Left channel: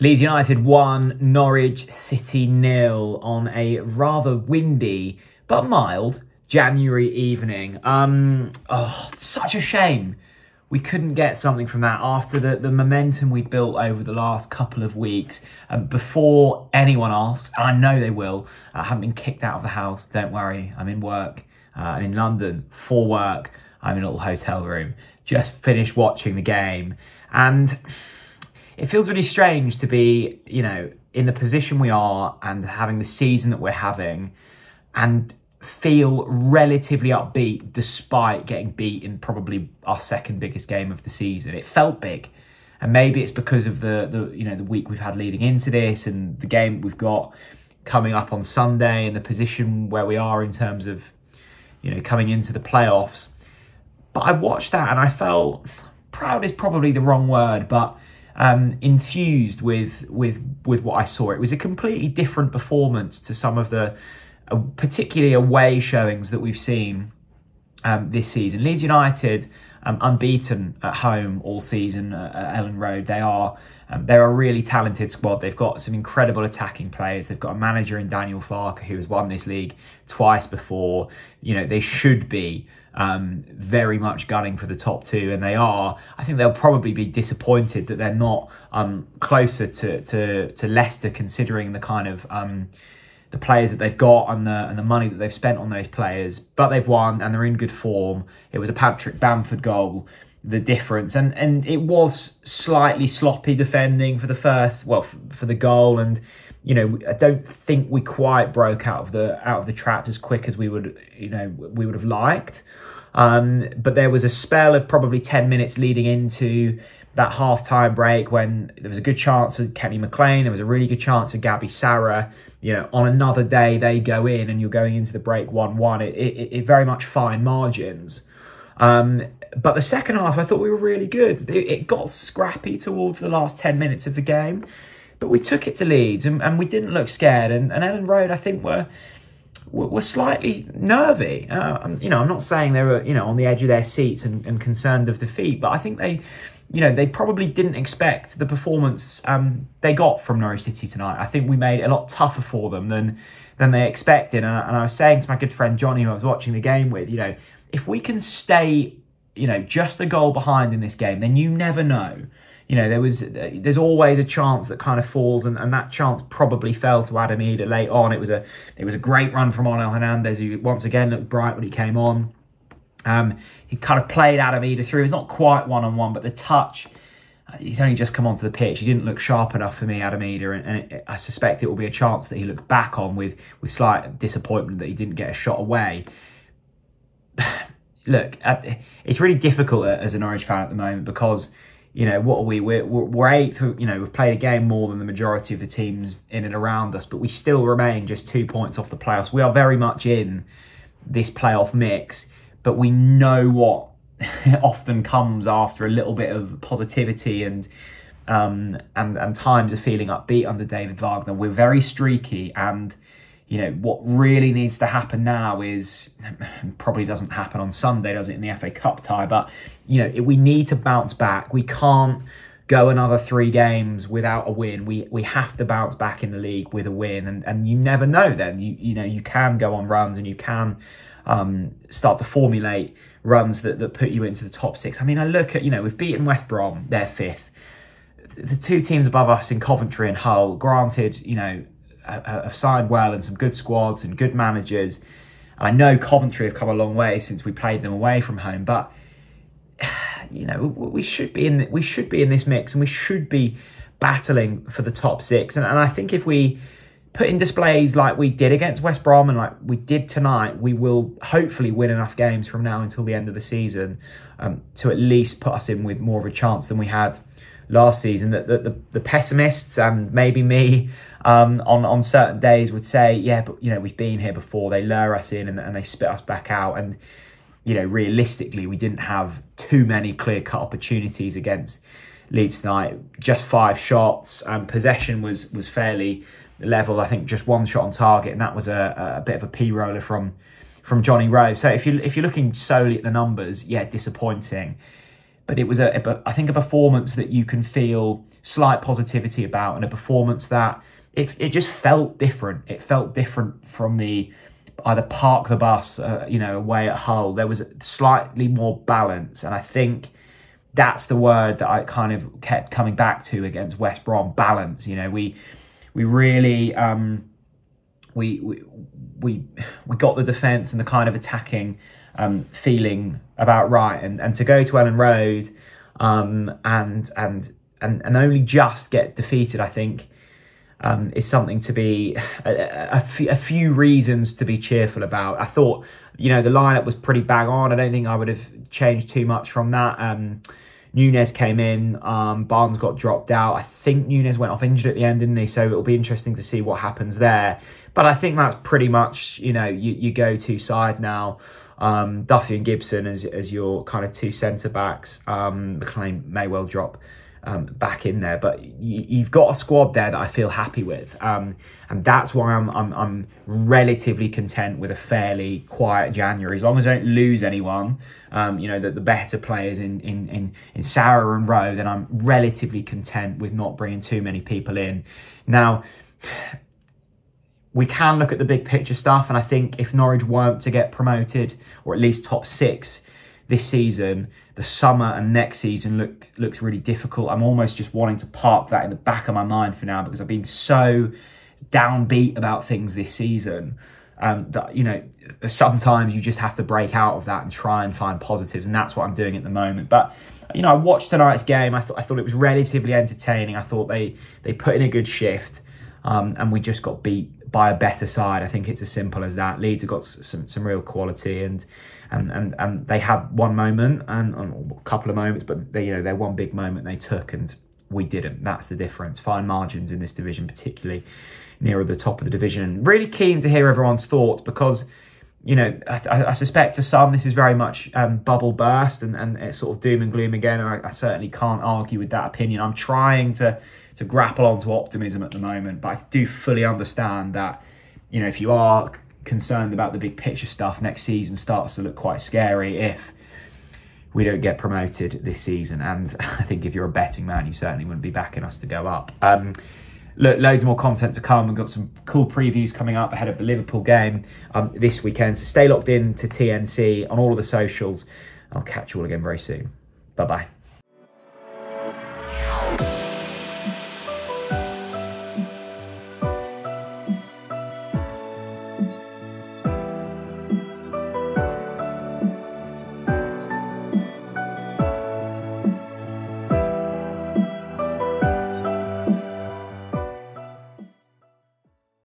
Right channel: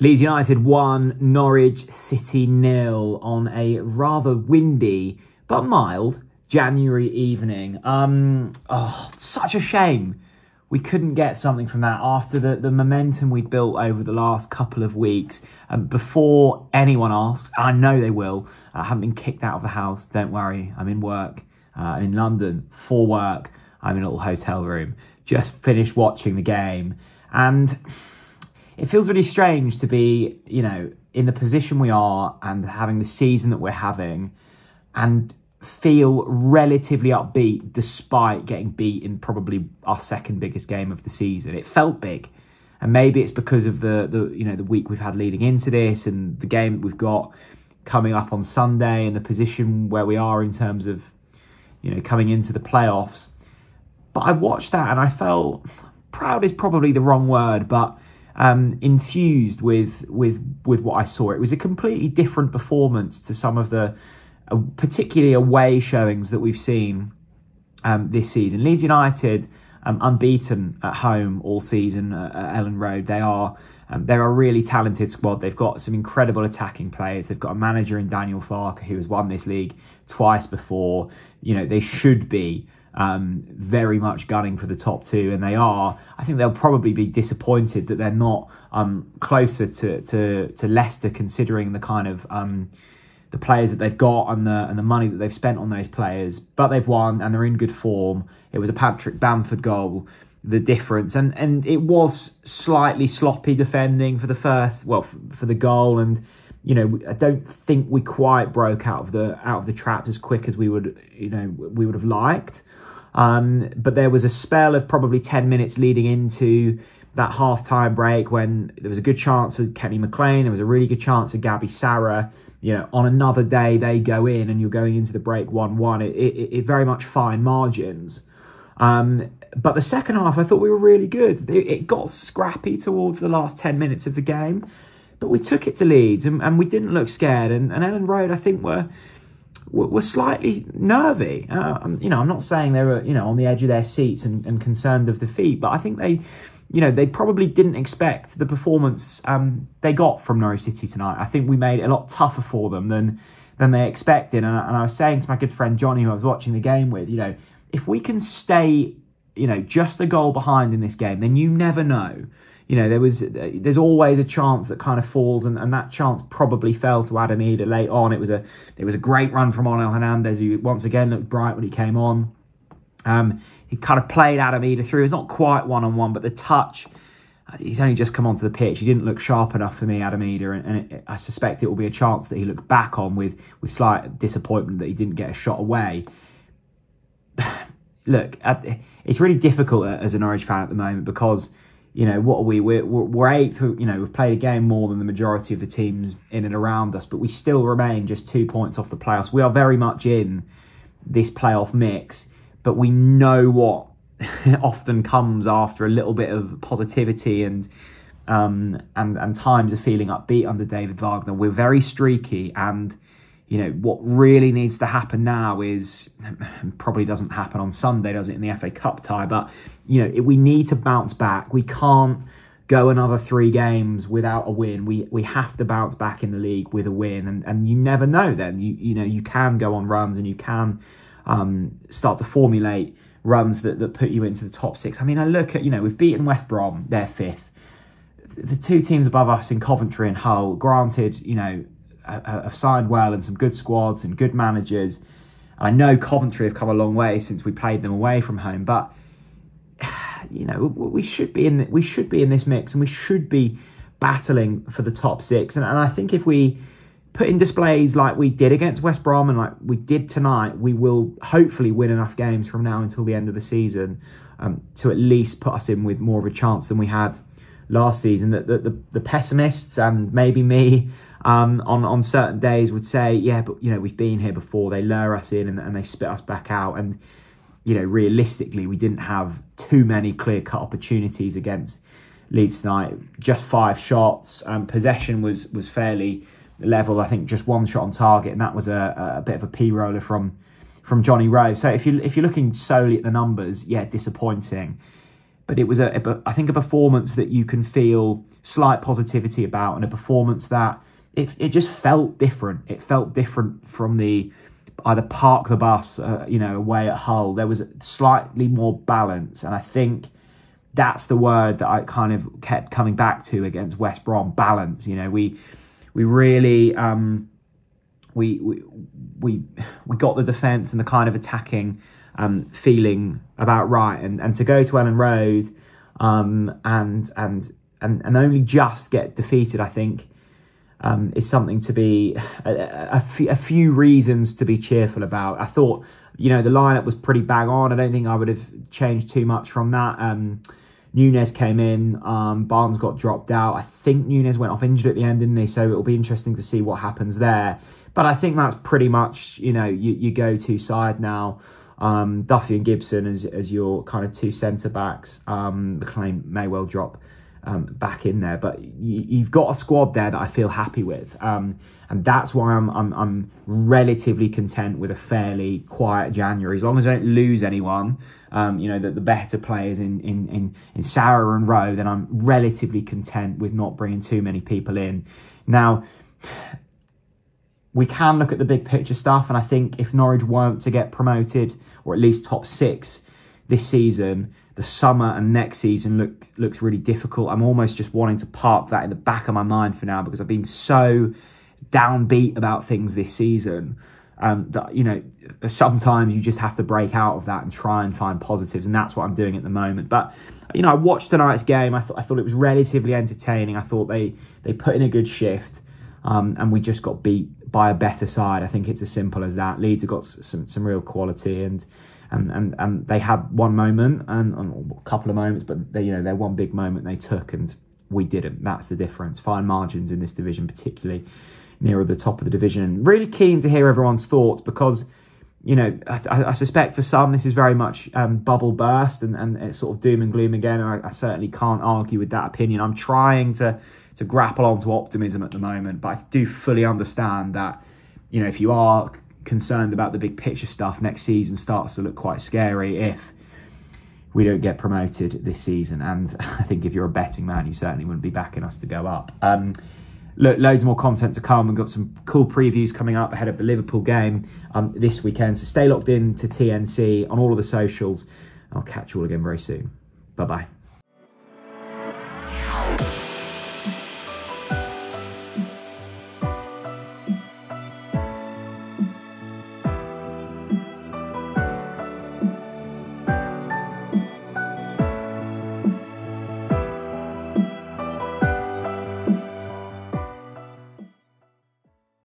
Leeds United won, Norwich City 0 on a rather windy but mild January evening. Such a shame we couldn't get something from that after the momentum we'd built over the last couple of weeks. Before anyone asks, and I know they will, I haven't been kicked out of the house, don't worry. I'm in work, in London for work. I'm in a little hotel room. Just finished watching the game, and it feels really strange to be, you know, in the position we are and having the season that we're having and feel relatively upbeat despite getting beat in probably our second biggest game of the season. It felt big, and maybe it's because of the week we've had leading into this and the game that we've got coming up on Sunday and the position where we are in terms of, you know, coming into the playoffs. But I watched that and I felt, proud is probably the wrong word, but enthused with what I saw. It was a completely different performance to some of the particularly away showings that we've seen this season. Leeds United, unbeaten at home all season at Elland Road. They're a really talented squad. They've got some incredible attacking players. They've got a manager in Daniel Farke who has won this league twice before. You know, they should be very much gunning for the top two, and they are. I think they'll probably be disappointed that they're not closer to Leicester, considering the kind of the players that they've got and the money that they've spent on those players. But they've won and they're in good form. It was a Patrick Bamford goal, the difference, and it was slightly sloppy defending for the first, well, for the goal, and you know, I don't think we quite broke out of the traps as quick as we would have liked. But there was a spell of probably 10 minutes leading into that half-time break when there was a good chance of Kenny McLean. There was a really good chance of Gabby Sarah. You know, on another day, they go in and you're going into the break 1-1. It very much fine margins. But the second half, I thought we were really good. It got scrappy towards the last 10 minutes of the game. But we took it to Leeds and we didn't look scared. And Elland Road, I think, were slightly nervy. You know, I'm not saying they were, you know, on the edge of their seats and concerned of defeat, but I think they probably didn't expect the performance they got from Norwich City tonight. I think we made it a lot tougher for them than they expected. And I was saying to my good friend Johnny, who I was watching the game with, you know, if we can stay, you know, just a goal behind in this game, then you never know. You know, there's always a chance that kind of falls, and that chance probably fell to Adam Eder late on. It was a great run from Onel Hernandez, who once again looked bright when he came on. He kind of played Adam Eder through. It's not quite one-on-one, but the touch, he's only just come onto the pitch. He didn't look sharp enough for me, Adam Eder, and I suspect it will be a chance that he looked back on with slight disappointment that he didn't get a shot away. Look, it's really difficult as a Norwich fan at the moment because, you know, what are we? We're eighth. You know, we've played a game more than the majority of the teams in and around us, but we still remain just 2 points off the playoffs. We are very much in this playoff mix, but we know what often comes after a little bit of positivity and times of feeling upbeat under David Wagner. We're very streaky, and you know what really needs to happen now is, probably doesn't happen on Sunday, does it, in the FA Cup tie? But you know, we need to bounce back. We can't go another 3 games without a win. We have to bounce back in the league with a win, and you never know. Then you know, you can go on runs and you can start to formulate runs that put you into the top 6. I mean, I look at, you know, we've beaten West Brom, they're 5th. The 2 teams above us in Coventry and Hull, granted, you know, have signed well and some good squads and good managers. I know Coventry have come a long way since we played them away from home, but you know, we should be in this mix, and we should be battling for the top 6. And I think if we put in displays like we did against West Brom and like we did tonight, we will hopefully win enough games from now until the end of the season to at least put us in with more of a chance than we had last season. That the pessimists, and maybe me on certain days, would say, yeah, but you know, we've been here before. They lure us in and they spit us back out. And you know, realistically, we didn't have too many clear-cut opportunities against Leeds tonight. Just 5 shots. Possession was fairly level. I think just 1 shot on target, and that was a bit of a p-roller from Johnny Rove. So if you're looking solely at the numbers, yeah, disappointing. but it was, I think, a performance that you can feel slight positivity about, and a performance that it just felt different. It felt different from the either park the bus, away at Hull. There was slightly more balance, and I think that's the word that I kind of kept coming back to against West Brom. Balance. We really we got the defence and the kind of attacking feeling about right, and to go to Elland Road and only just get defeated, I think, is something to be a few reasons to be cheerful about. I thought, the lineup was pretty bang on. I don't think I would have changed too much from that. Núñez came in, Barnes got dropped out. I think Núñez went off injured at the end, didn't he? So it'll be interesting to see what happens there. But I think that's pretty much, your go-to side now. Duffy and Gibson as your kind of two centre-backs. McLean may well drop back in there, but you've got a squad there that I feel happy with, and that's why I'm relatively content with a fairly quiet January, as long as I don't lose anyone. The better players in Sarah and Rowe, then I'm relatively content with not bringing too many people in. Now, we can look at the big picture stuff, and I think if Norwich weren't to get promoted, or at least top 6 this season, the summer and next season looks really difficult. I'm almost just wanting to park that in the back of my mind for now, because I've been so downbeat about things this season that, sometimes you just have to break out of that and try and find positives, and that's what I'm doing at the moment. But, I watched tonight's game. I thought it was relatively entertaining. I thought they put in a good shift, and we just got beat by a better side. I think it's as simple as that. Leeds have got some real quality, and they had one moment and a couple of moments, but their one big moment they took, and we didn't. That's the difference. Fine margins in this division, particularly nearer the top of the division. And really keen to hear everyone's thoughts, because I suspect for some this is very much bubble burst and it's sort of doom and gloom again. And I certainly can't argue with that opinion. I'm trying to grapple onto optimism at the moment, but I do fully understand that if you are concerned about the big picture stuff, next season starts to look quite scary if we don't get promoted this season. And I think if you're a betting man, you certainly wouldn't be backing us to go up. Look, loads more content to come. We've got some cool previews coming up ahead of the Liverpool game this weekend. So stay locked in to TNC on all of the socials. I'll catch you all again very soon. Bye-bye.